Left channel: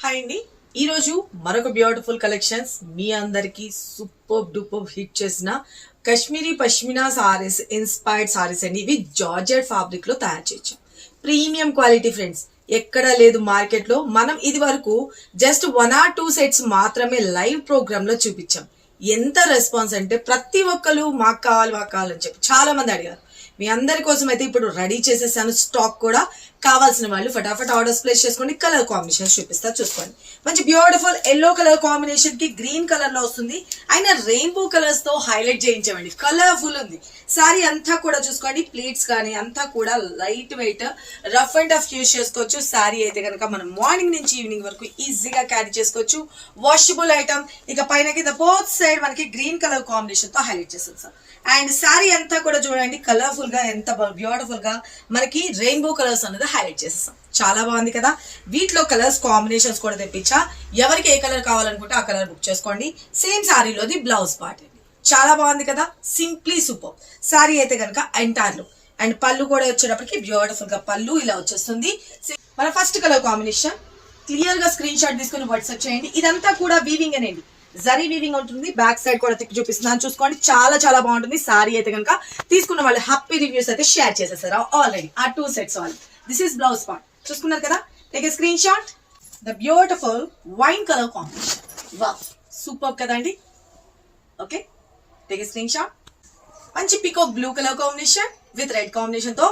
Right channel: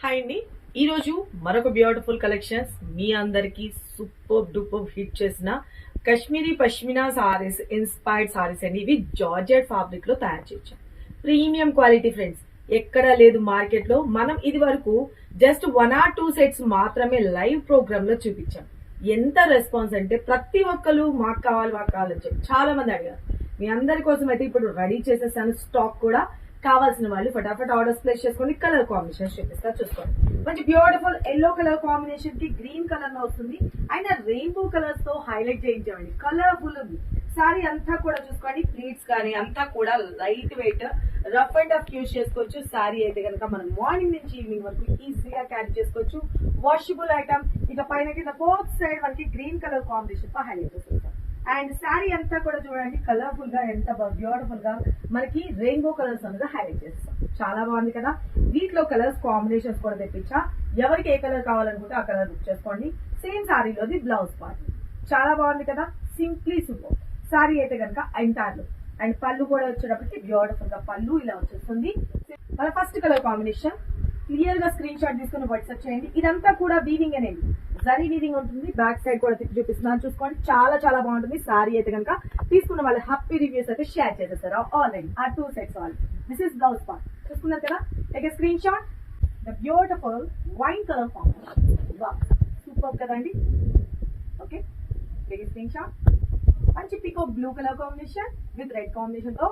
Hi అండి. ఈరోజు మరొక బ్యూటిఫుల్ కలెక్షన్స్ మీ అందరికి సూపర్ డూపర్ హిట్ చేసిన కాశ్మీరీ పష్మినా సారీస్ ఇన్స్పైర్డ్ సారీస్ అండి. ఇవి జార్జెట్ ఫ్యాబ్రిక్ లో తయారు చేయొచ్చు. ప్రీమియం క్వాలిటీ ఫ్రెండ్స్, ఎక్కడా లేదు మార్కెట్ లో. మనం ఇది వరకు జస్ట్ 1 or 2 సెట్స్ మాత్రమే లైవ్ ప్రోగ్రామ్ లో చూపించాం. ఎంత రెస్పాన్స్ అంటే ప్రతి ఒక్కరు మాకు కావాలని చెప్పి చాలా మంది అడిగారు. మీ అందరి కోసం అయితే ఇప్పుడు రెడీ చేసేసాను. స్టాక్ కూడా కావాల్సిన వాళ్ళు ఫటాఫట్ ఆర్డర్స్ ప్లేస్ చేసుకోండి. కలర్ కాంబినేషన్ చూపిస్తా, చూసుకోండి. మంచి బ్యూటిఫుల్ ఎల్లో కలర్ కాంబినేషన్ కి గ్రీన్ కలర్ లో వస్తుంది. అయినా రెయిన్బో కలర్స్ తో హైలైట్ చేయించామండి. కలర్ఫుల్ ఉంది సారీ అంతా కూడా. చూసుకోండి, ప్లీట్స్ కానీ అంతా కూడా light weight, rough and tough use చేసుకోవచ్చు. సారీ అయితే కనుక మనం మార్నింగ్ నుంచి ఈవినింగ్ వరకు ఈజీగా క్యారీ చేసుకోవచ్చు. Washable item. ఇక పైన కింద బోత్ సైడ్ మనకి గ్రీన్ కలర్ కాంబినేషన్ తో హైలైట్ చేస్తుంది సార్. అండ్ సారీ అంతా కూడా చూడండి కలర్ఫుల్ గా, ఎంత బ్యూటిఫుల్ గా మనకి రెయిన్బో కలర్స్ అనేది హైలైట్ చేస్తాం. చాలా బాగుంది కదా. వీటిలో కలర్స్ కాంబినేషన్స్ కూడా తెప్పించా. ఎవరికి ఏ కలర్ కావాలనుకుంటే ఆ కలర్ బుక్ చేసుకోండి. సేమ్ సారీలోది బ్లౌజ్ పార్ట్ అండి. చాలా బాగుంది కదా. సింప్లీ సూపర్ సారీ అయితే కనుక ఎంటైర్ లో. అండ్ పళ్ళు కూడా వచ్చేటప్పటికి బ్యూటిఫుల్ గా పళ్ళు ఇలా వచ్చేస్తుంది. మన ఫస్ట్ కలర్ కాంబినేషన్ క్లియర్ గా స్క్రీన్ షాట్ తీసుకుని వాట్సాప్ చేయండి. ఇదంతా కూడా వీవింగ్ అనేది జరీ వీవింగ్ ఉంటుంది. బ్యాక్ సైడ్ కూడా తిప్పి చూపిస్తున్నాను, చూసుకోండి. చాలా చాలా బాగుంటుంది. సారీ అయితే కనుక తీసుకున్న వాళ్ళు హ్యాపీ రివ్యూస్ అయితే షేర్ చేసేసారు ఆల్రెడీ. ఆ 2 sets all. This is blouse part. చూసుకున్నారు కదా. Take a screen shot. The beautiful wine colour combination. వా సూపర్ కదండి. Okay, take a screen shot. మంచి peacock blue colour combination with red combination తో.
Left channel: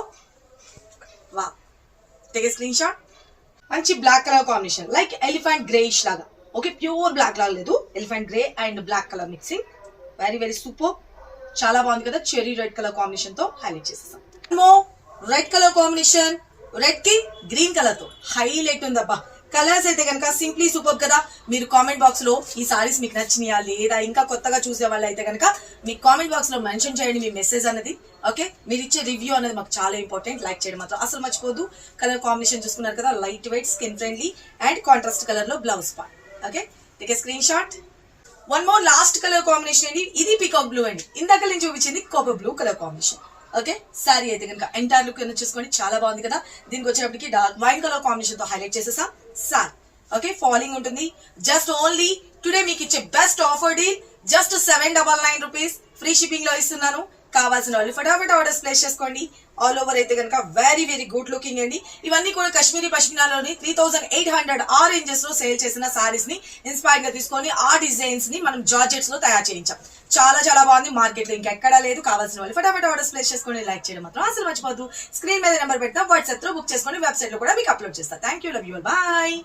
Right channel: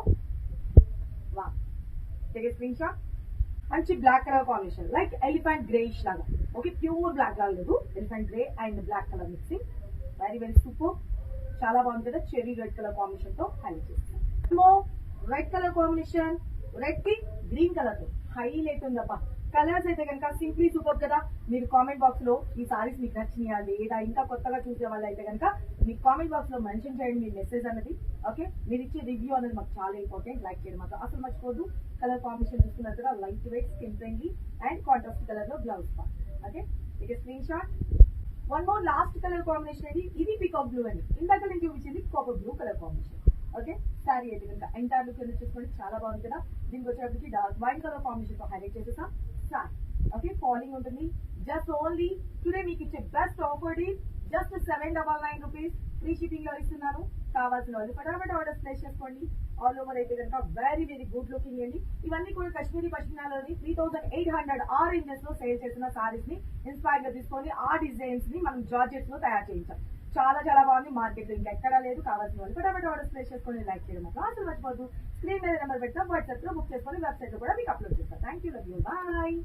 వా, టేక్ ఏ స్క్రీన్ షాట్. మంచి black colour combination like elephant greyish లాగా. Okay, pure black లాగా లేదు, elephant grey and black colour mixing. Very very super. చాలా బాగుంది కదా. చెరీ రెడ్ కలర్ కాంబినేషన్ తో హైలైట్ చేసేసాం. రెడ్ కలర్ కాంబినేషన్, రెడ్ కి గ్రీన్ కలర్ తో హైలైట్ ఉందబ్బా. కలర్స్ అయితే కనుక సింప్లీ సూపర్ కదా. మీరు కామెంట్ బాక్స్ లో ఈ సారీస్ మీకు నచ్చినాయా లేదా, ఇంకా కొత్తగా చూసే వాళ్ళు అయితే కనుక మీ కామెంట్ బాక్స్ లో మెన్షన్ చేయండి మీ మెసేజ్ అనేది. ఓకే, మీరు ఇచ్చే రివ్యూ అనేది మాకు చాలా ఇంపార్టెంట్. లైక్ చేయడం మాత్రం అసలు మర్చిపోద్దు. కలర్ కాంబినేషన్ చూసుకున్నారు కదా. Light weight, skin friendly and contrast colour లో blouse part. Okay, take a screen shot. One more last colour combination అండి. ఇది పీకాక్ బ్లూ అండి. ఇందాక నేను చూపించింది coco blue colour combination. Okay, sari అయితే కనుక ఎంటైర్ లుక్ చూసుకోండి. చాలా బాగుంది కదా. దీనికి వచ్చేటప్పటికి డార్క్ వైన్ కలర్ కాంబినేషన్ తో హైలైట్ చేసేసా సారీ. ఓకే, ఫాలింగ్ ఉంటుంది. జస్ట్ ఓన్లీ టుడే మీకు ఇచ్చే best offer deal. Just 799 rupees free shipping లో ఇస్తున్నాను. కావాల్సిన వాళ్ళు ఫటాఫట్ ఆర్డర్స్ ప్లేస్ చేసుకోండి. ఆల్ ఓవర్ అయితే కనుక వెరీ వెరీ గుడ్ లుకింగ్ అండి. ఇవన్నీ కూడా కాశ్మీరీ పష్మినాలోని 3800 ఆ రేంజెస్ లో సేల్ చేసిన సారీస్ ని ఇన్స్పైర్ గా తీసుకొని ఆ డిజైన్స్ ని మనం జార్జెట్స్ లో తయారు చేయించాం. చాలా చాలా బాగుంది. మార్కెట్ లో ఇంకెక్కడా లేదు. కావాల్సిన వాళ్ళు ఫటాఫట్ ఆర్డర్స్ ప్లేస్ చేసుకొని లైక్ చేయడం మాత్రం అసలు మర్చిపోద్దు. స్క్రీన్ మీద నెంబర్ పెడతా, వాట్సాప్ లో బుక్ చేసుకొని వెబ్సైట్ లో కూడా మీకు అప్లోడ్ చేస్తా. Thank you, love you, bye.